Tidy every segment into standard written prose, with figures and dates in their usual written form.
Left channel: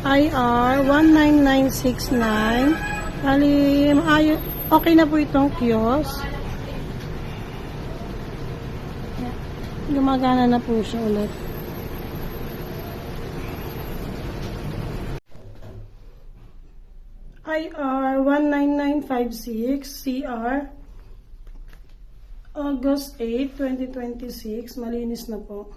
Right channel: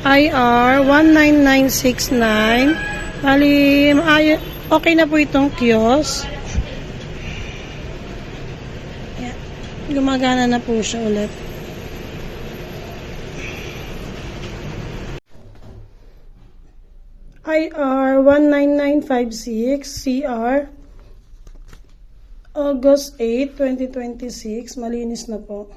IR 19969. Bali, okay na po itong kiosk. Yan. Gumagana na po siya ulit. IR 19956 CR August 8, 2026. Malinis na po.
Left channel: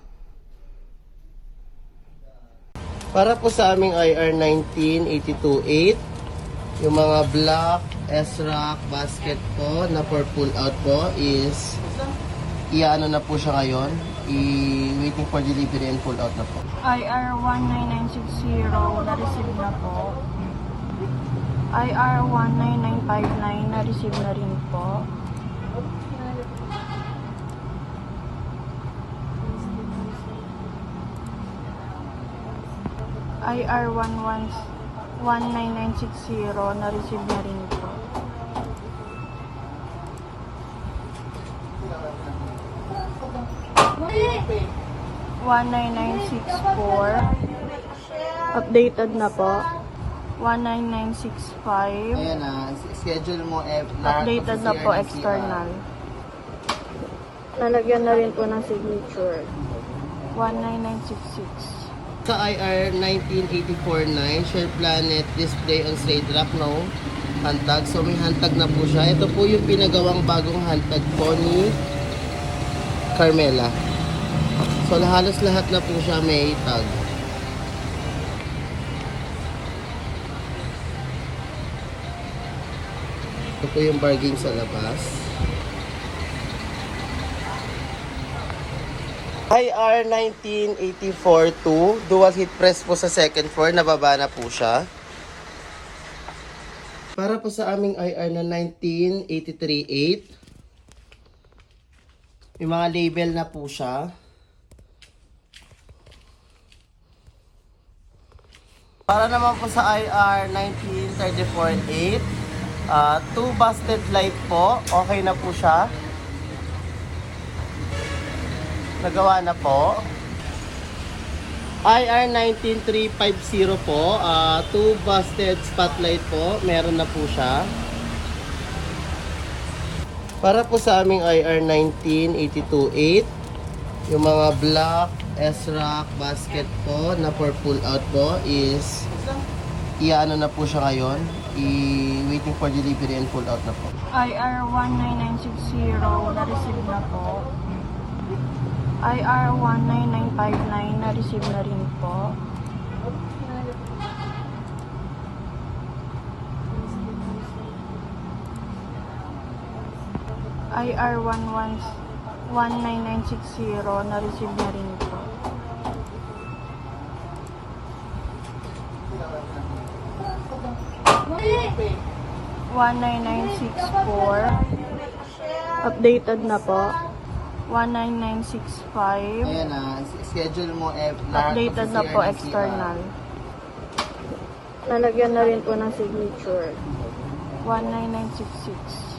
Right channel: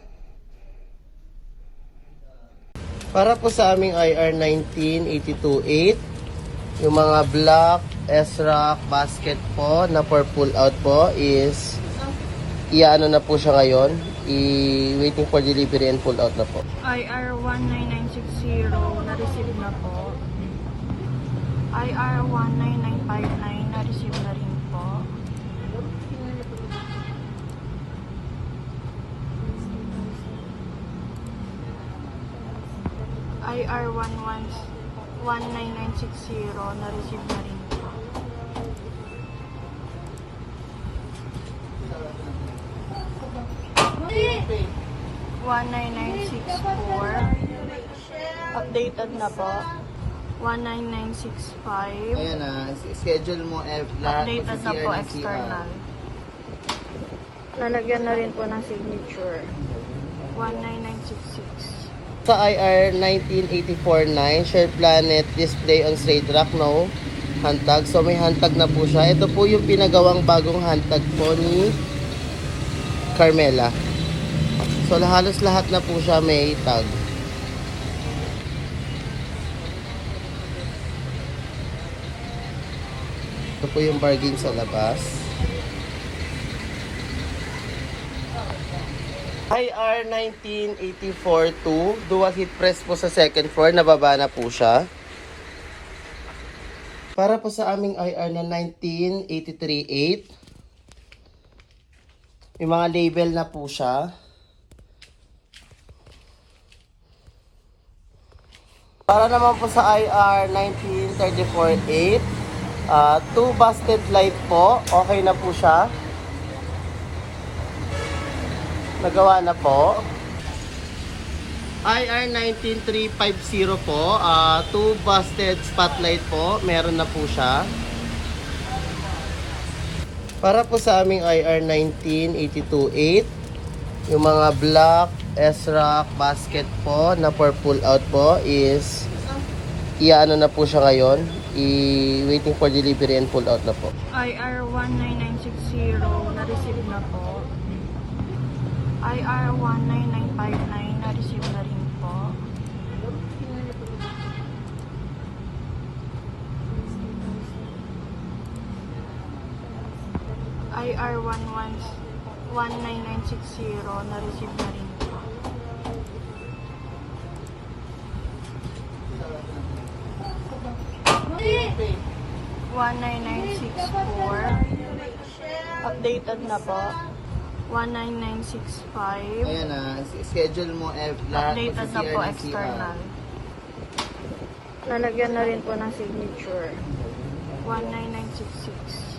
Para po sa aming IR 19828, yung mga black S-Rock basket po na for pull out po is iaano na po siya ngayon. Waiting for delivery and pull out na po. IR 19960 na-receive na po. IR 19959 na-receive na rin po. IR 19960 na-receive na rin po. Okay. 19964 updated na po. 19965 Ayan na, schedule mo updated na po external. Lalagyan na rin po ng signature. 19966 Sa IR 19849, Share Planet display on straight rack, no handtag. So may handtag na po siya. Ito po yung pinagawang bagong handtag po ni Carmela. So halos lahat na po siya may tag. Ito po yung bargain sa labas. IR 19842, dual heat press po sa second floor, nababa na po siya. Para po sa aming IR na 19838, yung mga label na po siya. Para naman po sa IR 19348, 2 busted light po, okay na po siya. Nagawa na po. IR 19350 po, 2 busted spotlight po, meron na po siya. Para po sa aming IR 19828, yung mga black S-Rock basket po na for pull out po is iaano na po siya ngayon. Waiting for delivery and pull out na po. IR 19960 na-receive na po. IR 19959 na-receive na rin po. IR 19960 na-receive na rin po. Okay. 19964 updated na po. 19965 Ayan na, schedule mo updated na po external. Lalagyan na rin po ng signature. 19966